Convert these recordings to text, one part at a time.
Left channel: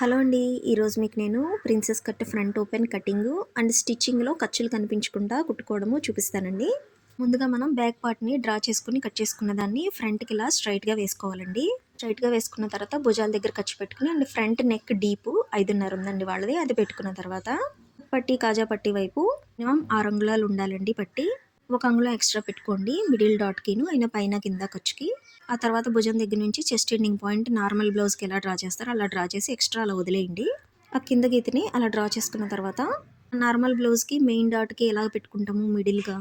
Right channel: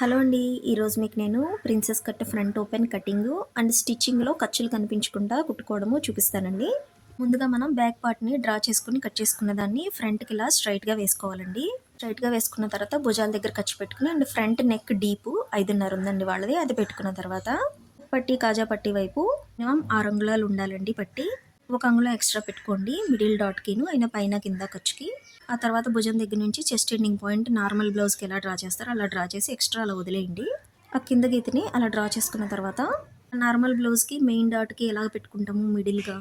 Hello అండి. ఈరోజు మీకు నేను princess cut front open cutting and స్టిచ్చింగ్లో ఖర్చులు కనిపించకుండా కుట్టుకోవడము చూపిస్తానండి. ముందుగా మనం బ్యాక్ పార్ట్ని డ్రా చేసుకుని కట్ చేసుకున్న దాన్ని ఫ్రంట్కి ఇలా స్ట్రైట్గా వేసుకోవాలండి. స్ట్రైట్గా వేసుకున్న తర్వాత భుజాల దగ్గర ఖర్చు పెట్టుకుని అండ్ ఫ్రంట్ నెక్ డీప్ ఐదున్నర ఉందండి వాళ్ళది అది పెట్టుకున్న తర్వాత పట్టి కాజా పట్టి వైపు మినిమం ఆరు అంగుళాలు ఉండాలండి పట్టి. ఒక అంగుళం ఎక్స్ట్రా పెట్టుకోండి మిడిల్ డాట్కిను అయినా పైన కింద ఖర్చుకి. ఆ తర్వాత భుజం దగ్గర నుంచి చెస్ట్ ఎండింగ్ పాయింట్ నార్మల్ బ్లౌజ్కి ఎలా డ్రా చేస్తారో అలా డ్రా చేసి ఎక్స్ట్రా అలా వదిలేయండి. ఆ కింద గీతని అలా డ్రా చేసుకున్న తర్వాత నార్మల్ బ్లౌజ్కి మెయిన్ డాట్కి ఎలా పెట్టుకుంటాము మిడిల్గా?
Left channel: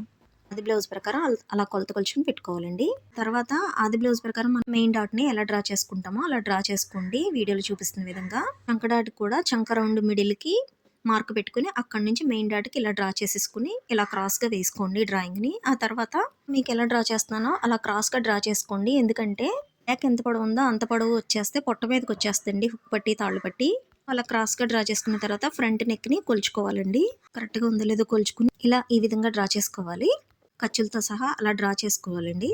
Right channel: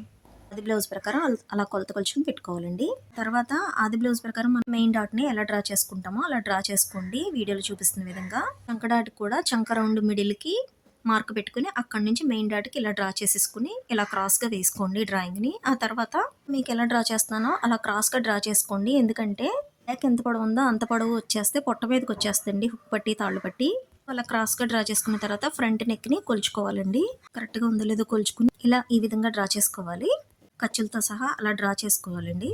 అది బ్లౌజ్ ప్రకారం అలా కొలత కొలుచుకుని పెట్టుకోవాలండి. తర్వాత అది బ్లౌజ్ ప్రకారం మనం మెయిన్ డాట్ని ఎలా డ్రా చేసుకుంటామో అలా డ్రా చేసుకోండి. వీడియోలో చూపిస్తున్న విధంగా. చంక డాట్ కూడా చంక రౌండ్ మిడిల్కి మార్క్ పెట్టుకుని అక్కడి నుంచి మెయిన్ డాట్కి ఇలా డ్రా చేసేసుకుని ఇలా క్రాస్గా వేసుకోండి డ్రాయింగ్ని. ఆ తర్వాత మీకు ఎలా డ్రా చేస్తున్నానో అలా క్రాస్గా డ్రా చేసుకోండి. ఎందుకంటే బ్యాక్ ఎంత పొడవు ఉందో అంత పొడవు వచ్చేస్తే పొట్ట మీదకి వచ్చేస్తుంది హుక్ పట్టి తాళ్ళు పట్టి. అలా క్రాస్గా డ్రా చేసుకున్న తర్వాత ఫ్రంట్ నెక్ని కొలుచుకోవాలండి. కరెక్ట్గా ఉందో లేదో కొలుచుకుని ఇలా ఈ విధంగా డ్రా చేసుకోవాలి. ఖర్చులతో సహా అలా డ్రా చేసుకోవాలండి.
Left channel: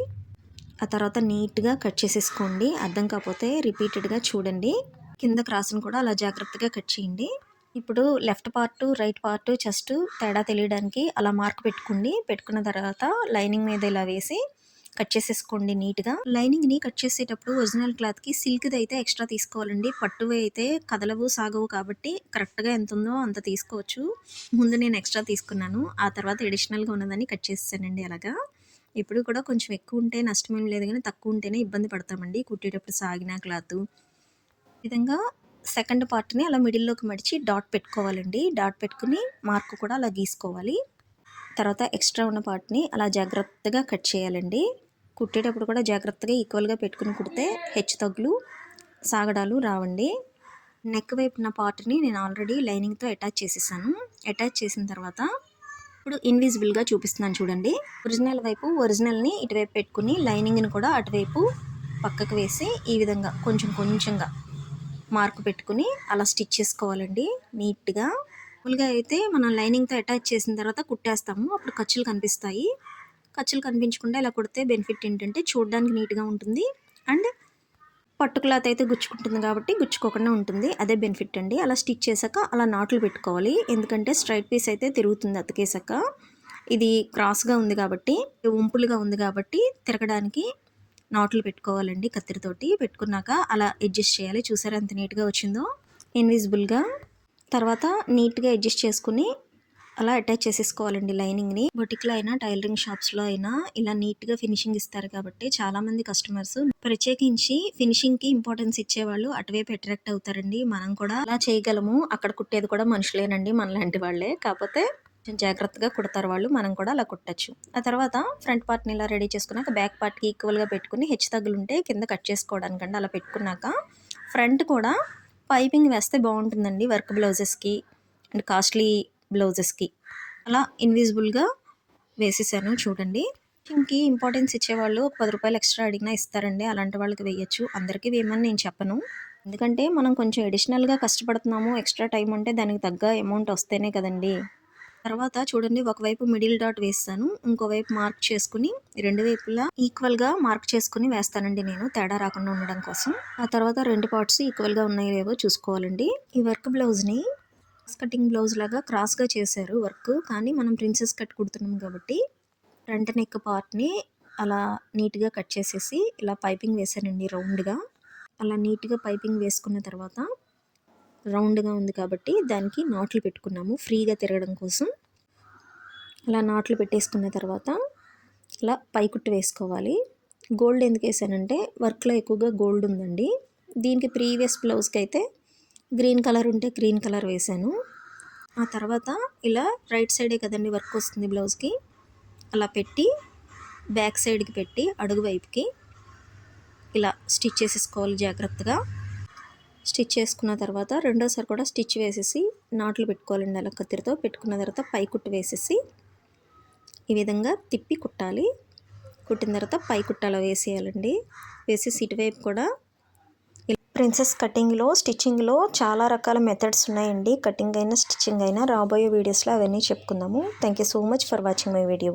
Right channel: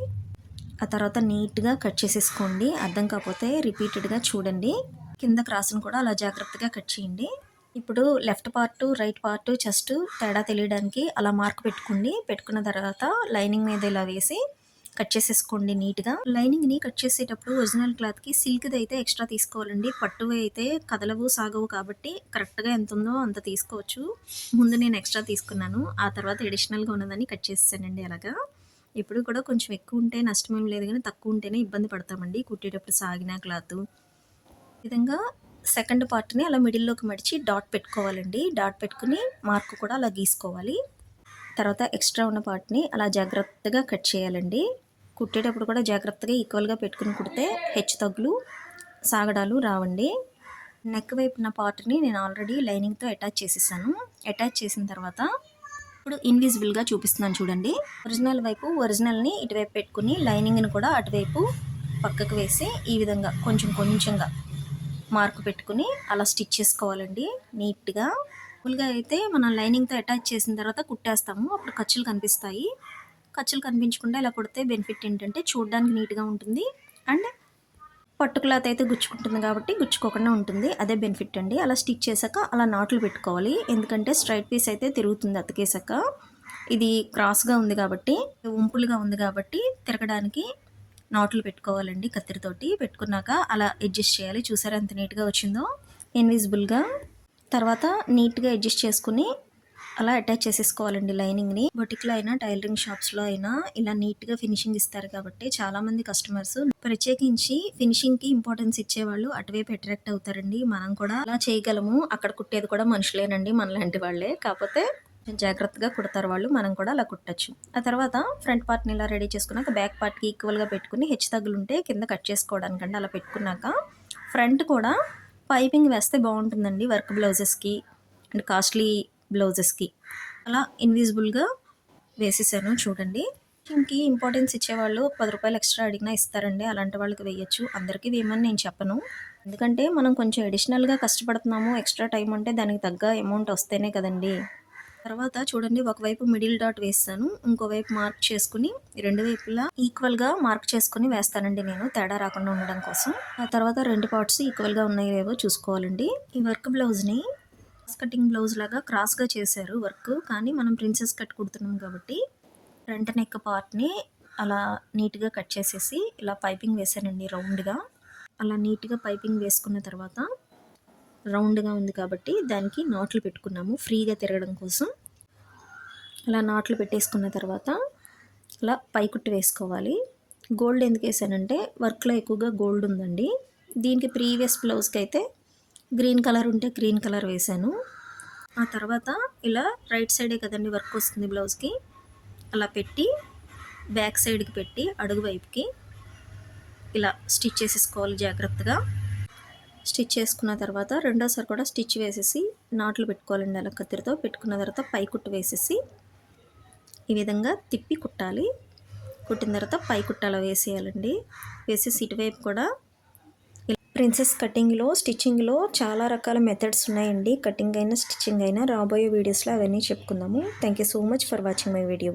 ఆ తర్వాత నీట్గా కట్ చేసేసుకోండి. అర్థం కాకపోతే రిపీటెడ్గా చూడండి. కింద క్రాస్ని కూడా అలా జాగ్రత్తగా కట్ చేయండి. ఇప్పుడు left part right part chest తేడా తెలియడానికి అలా మార్క్ పెట్టుకోండి పెట్టుకున్న తర్వాత లైనింగ్ మీద ఇలా వేసి కట్ చేసేసుకోండి నీట్గా. లైనింగ్ని కట్ చేసేటప్పుడు ఒరిజినల్ క్లాత్కి సిల్క్ది అయితే ఎక్స్ట్రా తీసుకోవాలండి. పట్టువి అయితే కదలవు సాగవు కాబట్టి కరెక్ట్గా ఎంత ఉందో అంత తీసుకోవచ్చు. ముందు నేను ఎక్స్ట్రా తీసుకున్నాను. ఆ తర్వాత ఎడిషనల్గా ఉన్నదని కట్ చేసానండి అలాగా. ఇప్పుడు కూడా కొంచెం ఎక్కువ ఉంటే నష్టమేం లేదు కానీ తక్కువ ఉంటేనే ఇబ్బంది పడతామండి. కుట్టేటప్పుడు సాగిన క్లాత్. విధంగా సెకండ్ పార్ట్ని అలా మిడిల్లోకి మడిచి డాట్ పెట్టుకోవాలండి. డాట్ పెట్టుకుని మార్క్ కూడా అలా గీసుకోవాలి. తర్వాత ఎక్స్ట్రా ఉన్న పార్ట్ని అలా జాగ్రత్తగా కట్ చేయాలండి. కుట్టేటప్పుడు కూడా జాగ్రత్తగా ఈక్వల్గా పెట్టుకుని కుడితే హెచ్చు తగ్గులు సాగడాలు రావండి. నెక్ వైపున పార్ట్ని నేను ఆల్రెడీ లైనింగ్తో అటాచ్ చేసేసాను. అటాచ్ చేసిన తర్వాత ఇప్పుడు ఇన్విజిబుల్గా చూపిస్తున్నాను చూడండి. ఒరిజినల్ వైపు ఒరిజినల్ని ఇటువైపు పెట్టుకుని లైనింగ్ని కూడా అటువైపు పక్కకు వేసి ఈ విధంగా కొంచెం కొంచెంగా మార్క్ పెట్టుకుని అలా స్టిచ్ చేసుకోవాలండి. నీట్గా. మామూలుగా అయితే మనం లైనింగ్తో అటాచ్ చేసిన తర్వాత కుట్టేస్తాము. అప్పుడు ఖర్చులు కనిపిస్తాయి. ఖర్చులు కనిపించకుండా ఇలా కుడితే బెనిఫిట్ ఏంటంటే చూడడానికి నీట్గా ఉంటుంది. అండ్ పట్టు క్లాత్ అయితే గుచ్చుకుంటుంది కాబట్టి గుచ్చుకోకుండా ఉంటుంది. అదే బెనిఫిట్ అండి. అలా స్టిచ్ చేశాక అలా నాట్లు పెట్టుకోవాలి. ఎందుకంటే స్ట్రైట్ పీస్ అయితే తిరుగుతుంది అతికేసాక ఇది క్రాస్గా ఉంది కాబట్టి ఉంపులుగా ఉంది కాబట్టి తిరగడానికి నాట్లు పెట్టుకోవాలండి కత్తిరితోటి. పెట్టుకున్నాక అలా అడ్జస్ట్ చేయాలి. చూసారా ఎంత నీట్గా వచ్చిందో? ఇన్విజిబుల్గా తర్వాత నీట్గా అడ్జస్ట్ చేసుకుని అలా అటాచ్ చేసేసుకోవాలండి లైనింగ్ని బొటిక్లో అయినా టైలరింగ్ షాప్స్లో అయినా ఇలా నీట్గా ఫినిషింగ్ ఇస్తారు కాబట్టి చాలామంది కస్టమర్స్ ప్రత్యేకించి ఫినిషింగ్కి ఇంపార్టెన్స్ ఇచ్చేవాళ్ళు అటువైపు అట్రాక్ట్ అవుతారండి. మనం కూడా అలా చేయగలము. అక్కడ కుట్టేది కూడా మనుషులేనండి మనలాంటి వాళ్ళే. కాకపోతే జాగ్రత్తగా కుడతారు వాళ్ళు. మనం కూడా అలా కుట్టచ్చు. ఆ తర్వాత ఫ్రంట్ పార్ట్ని ఇలా రెడీ చేసుకున్నాక బ్యాక్ పార్ట్కి ఈక్వల్గా పెట్టుకుని హెచ్ తగ్గులు ఉంటే కింద కట్ చేసుకోవడానికండి అలా పెట్టుకున్నాక ఫ్రంట్ కూడా పైపింగ్ వేస్తే బాగుంటుందండి వర్క్ బ్లౌజెస్కి అండ్ కాస్ట్లీ బ్లౌజెస్కి. అలా ఇన్విజిబుల్గా వేసేసాను చూడండి. ఇంకి ఇంపార్టెన్స్ ఇచ్చేవాళ్ళు పది రూపాయలు ఎక్స్ట్రా అడిగినా ఇస్తారండి. అలాంటి వాళ్ళకి వేయచ్చు. అందరికీ వేయమని నేను చెప్పను. ఎందుకంటే మనం కొంచెం అడిషనల్గా కష్టపడుతున్నాము ఎక్స్ట్రా టైం అంటే దానికి తగ్గ అమౌంట్ వస్తేనే కదండి. తర్వాత చూడండి ఒకవైపు మిడిల్ డాట్ వేస్తాను. ఇంకోవైపు మార్క్ చేసుకుని రెండు వైపులా ఈక్వల్గా మార్క్ చేసుకుని వేస్తానండి నేను తేడా రాకుండా ఉండడం కోసం. ఆ తర్వాత రెండు పార్ట్స్ ఈక్వల్గా ఉన్నాయో చూసుకోవాలండి. ఈ వర్క్ బ్లౌజ్ని కటింగ్ బ్లౌజ్ లాగా క్రాస్గా చేశారు వర్క్. కానీ మనం ప్రిన్సెస్ కట్ కుడుతున్నాం కాబట్టి ఫ్రంట్ నెక్ పార్ట్ని అలా నీట్గా కట్ చేసేసి ఇలా పైపింగ్ వేసానండి రౌండ్గా అలా నీట్గా పైపింగ్ వేసుకున్న తర్వాత రౌండ్గా ఉంది కాబట్టి దానికి నాట్లు పెట్టుకున్నాము ఫ్రీగా తిరగడం కోసం. అలా నాట్లు పెట్టేసుకున్న తర్వాత ఇలా పైకుట్టు వేసుకోవాలి. గోల్డ్ ఎందుకు వేసానంటే వర్క్లో ఎక్కువగా గోల్డ్ ఉందండి. దీనికి ప్రీవియస్ బ్లౌజ్కి అయితే గ్రీన్ కలర్ ఉంటే గ్రీన్ కలర్ వేసాను. ఆ తర్వాత ఇలా రైట్ సైడే కదండి వర్క్ వస్తుంది బ్లౌజ్కి. అలా పెట్టి బ్యాక్ సైడ్కి పెట్టి అడుగు వైపుకి ఇలా స్టిచ్ చేసేసుకోవాలి జాగ్రత్తగా. స్టిచ్ చేసుకున్న తర్వాత రెండోసారి కూడా స్టిచ్ వేసేసి నాట్లు పెట్టుకోవాలండి అలా కత్తిరితో పెట్టుకున్న తర్వాత పై కుట్టు వేసేసి ఈ విధంగా తిప్పి కుట్టాలి. కుట్టిన తర్వాత పై కుట్టలో వేసేయాలండి. వేసేసి ఇటువైపు కూడా ప్రిన్సెస్ కటింగ్లో స్టిచ్చింగ్లో చాలా రకాల మెథడ్స్ ఉన్నాయండి. కటింగ్ అయినా స్టిచ్చింగ్ అయినా రాబోయే వీడియోస్లో అవన్నీ చెప్పుకుందాము. Thank you so much for watching my video.